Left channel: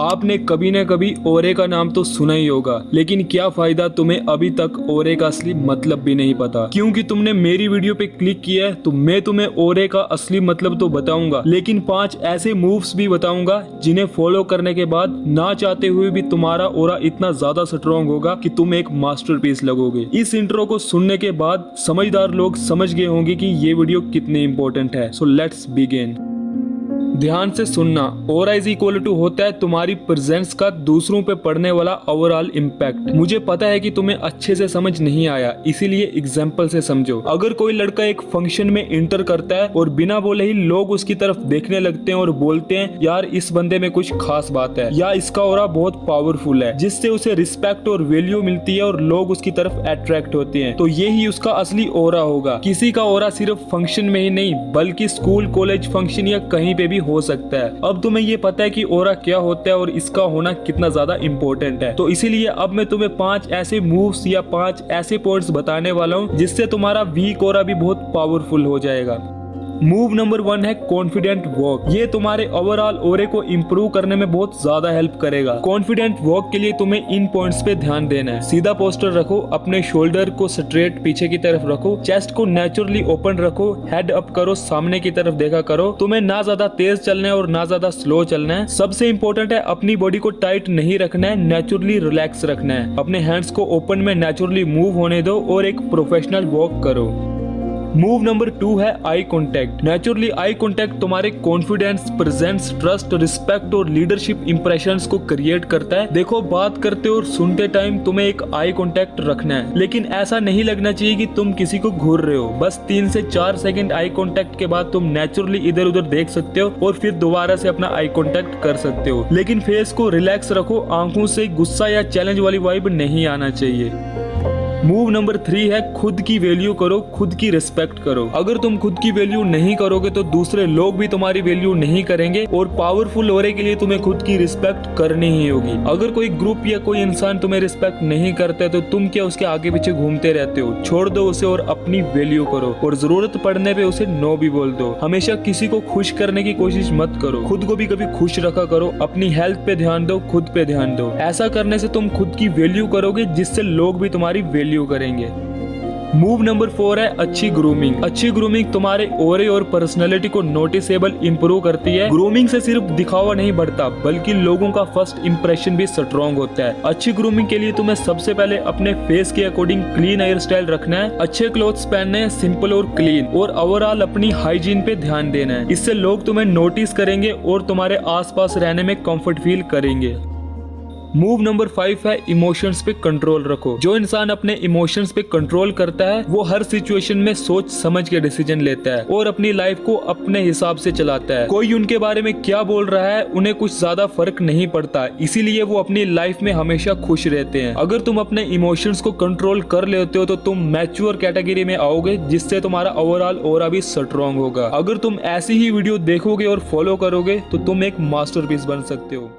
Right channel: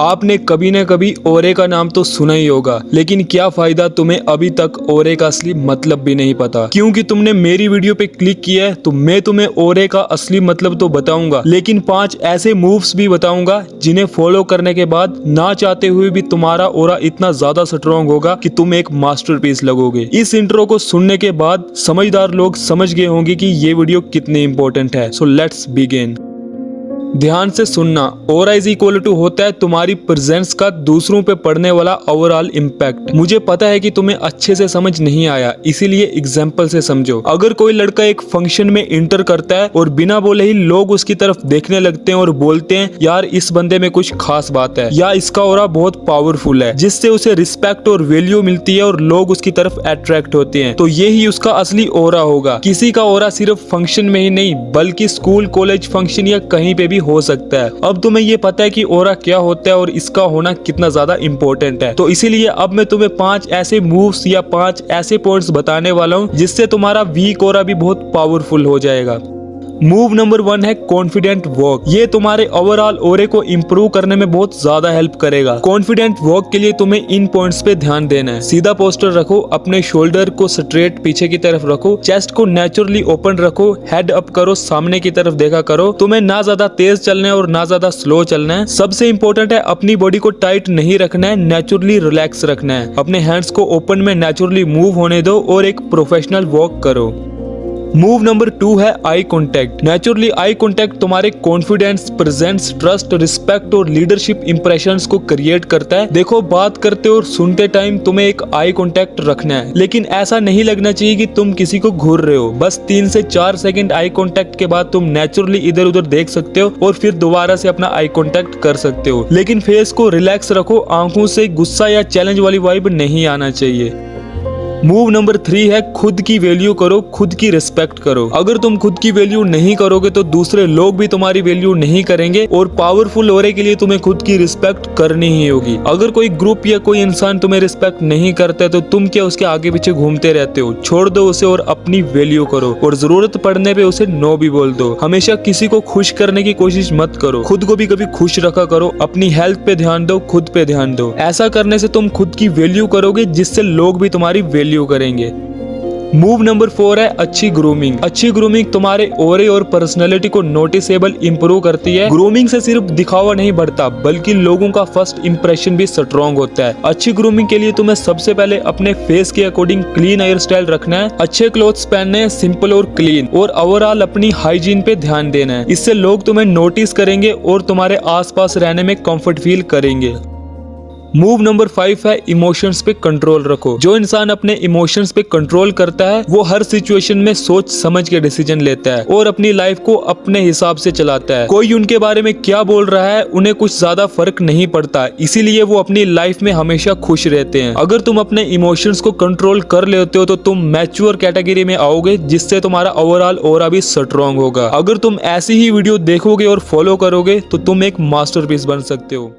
आपने कभी न कभी ओरे का नाम तो सुना ही होगा, लेकिन क्या फायदा तुम्हें अभी तक ओरे का असली मतलब भी नहीं पता। क्योंकि तुमने मेरी वीडियो पे क्लिक किया है तो मैं तुम्हें ओरे का असली मतलब तो बताऊंगा, लेकिन 5 ऐसे मूव्स भी बताऊंगा जिन्हें फॉलो करने के बाद ना चाहते हुए भी तुम्हारा ओरा इतना ज्यादा स्ट्रॉन्ग होगा कि तुम एक मास्टरपीस लगोगे। इस इंट्रो को सुनने के बाद समझदार लोग समझ गए होंगे कि ये वीडियो कितनी इंपॉर्टेंट है। So let's begin. ध्यान से सुनना। ओरा इज इक्वल टू होता है तुम्हारी प्रेजेंस का दूसरों पे पड़ने वाला ओवरऑल इम्पैक्ट। मुझे पता है कि तुम्हें अच्छे से समझ नहीं आया, इसीलिए एग्जाम्पल से समझो। अगर कोई लड़का एक फंक्शन में इंटर करता है और बिना बोले ही लोग उसकी तरफ देखने लगते हैं और बोलते हैं यार इस बंदे में कुछ खास बात है या इसका ओरा बहुत पावरफुल है, जिससे उसे रिस्पेक्ट और वैल्यू मिलती है और लोग उसकी तरफ अट्रैक्ट होते हैं, तो यही उसका असली ओरा होगा। किसी का ओरा सिर्फ फंक्शन में ही नहीं बल्कि स्कूल, कॉलेज, फंक्शन या कहीं पे भी हो सकता है। अब तुम्हें ये पता है कि ओरा क्या होता है और इसका होना कितना ज्यादा इंपॉर्टेंट है, तो इसीलिए अब मैं तुम्हें 5 ऐसे मूव्स या 5 ऐसे पॉइंट्स बताने वाला हूँ जिससे तुम्हारा वीक ओरा भी बहुत पावरफुल हो जाएगा। मूव नंबर 1 है कॉन्फिडेंट वॉक। ये तुम्हारे ओवरऑल ओरे को इम्प्रूव करने में बहुत ज्यादा हेल्प करेगा। कॉन्फिडेंट वॉक के लिए तुम्हें इन पॉइंट्स पे ध्यान देना है। सीधा पोस्टर रखो, अपने शोल्डर को स्ट्रेट पीछे की तरफ रखो, चेस्ट को नेचुरली ओपन रखो, हेड अप करो, सामने की तरफ देखा करो। तुम्हें ना ज्यादा तेज चलना है और ना ज्यादा स्लो चलना है। सबसे इंपॉर्टेंट है अपनी बॉडी को टाइट नहीं रखना है, नेचुरली रिलैक्स रखना है। अपने हैंड्स को ओपन में नेचुरली मूव होने दो और एक प्रोफेशनल वॉक करो। मूव नंबर 2 है eye contact. Naturally eye contact तुम्हारे कॉन्फिडेंस, प्रेजेंस, ट्रस्ट, रिस्पेक्ट और लीडरशिप इंप्रेशंस को क्रिएट करता है। देखो, बात करते और सुनते टाइम तुम्हें एक आई कॉन्टैक्ट रखना है, लेकिन ऐसा नहीं लगना चाहिए कि तुम किसी को घूर रहे हो। बस 3 से 4 सेकंड आई कॉन्टैक्ट के बाद तुम नेचुरली इधर उधर देख सकते हो और फिर दोबारा से अपना आई कॉन्टैक्ट कर सकते हो, लेकिन फेस को रिलैक्स रखो। आंखों से गुस्सा या चैलेंज वाली वाइब नहीं आना चाहिए। मूव नंबर 3 है खुद की वैल्यू करो, खुद की रिस्पेक्ट करो। अगर तुम खुद की वैल्यू नहीं करोगे तो दूसरे लोग भी तुम्हारी वैल्यू नहीं करेंगे और पावरफुल ओरे के लिए तुम्हें खुद की रिस्पेक्ट करनी ही होगी। अगर कोई ग्रुप या कोई इंसान तुम्हें रिस्पेक्ट नहीं करता तो तुम क्या उसके आगे पीछे घूमते रहते हो? छोड़ दो उसे और अपनी वैल्यू करो, और जरूरत पड़ने पे उसे नो भी बोल दो। हमेशा किसी को खुश करने की कोशिश मत करो, खुद को भी कभी खुश रखा करो। अपनी हेल्थ पे ध्यान दो, खुद पे ध्यान दो। ऐसा करने से तुम खुद की वैल्यू करोगे, जिससे लोग भी तुम्हारी वैल्यू करेंगे। मूव नंबर 4 है अच्छी ग्रूमिंग। अच्छी ग्रूमिंग तुम्हारे ओरे और पर्सनैलिटी को नोटिसेबल इंप्रूव करती है। ग्रूमिंग से सिर्फ दिखावा नहीं बढ़ता बल्कि लोगों का फर्स्ट इंप्रेशन भी स्ट्रॉन्ग होता है। अच्छी ग्रूमिंग के लिए तुम्हें सबसे पहले अपने फेस के अकॉर्डिंग क्लीन हेयर स्टाइल रखना है, अच्छे क्लोथ्स पहनने हैं, सिंपल और क्लीन, और ओवरऑल अपनी हाइजीन पे ध्यान देना है। इससे लोग तुम्हें नोटिस करेंगे और तुम्हारे आसपास रहने में कंफर्ट फील करेंगे। मूव नंबर 5 है इमोशंस पे कंट्रोल रखो। जो इंसान अपने इमोशंस पे कंट्रोल करता है वो हर सिचुएशन में सोच समझ के डिसीजन लेता है और अपनी लाइफ को अपने हिसाब से चलाता है। कोई उनके बारे में क्या बोल रहा है उन्हें कुछ ज्यादा फर्क नहीं पड़ता, इसीलिए वो अपनी लाइफ में हमेशा खुश रहते हैं। अगर तुम अपने इमोशंस को कंट्रोल कर लेते हो तो तुम मैच्योर कैटेगरी में आओगे, जिससे तुम्हारा ओवरऑल ओरा भी स्ट्रॉन्ग होगा। अगर तुम ऐसी ही वीडियो देखोगे और फॉलो करोगे तो तुम एक मास्टरपीस बन सकते हो।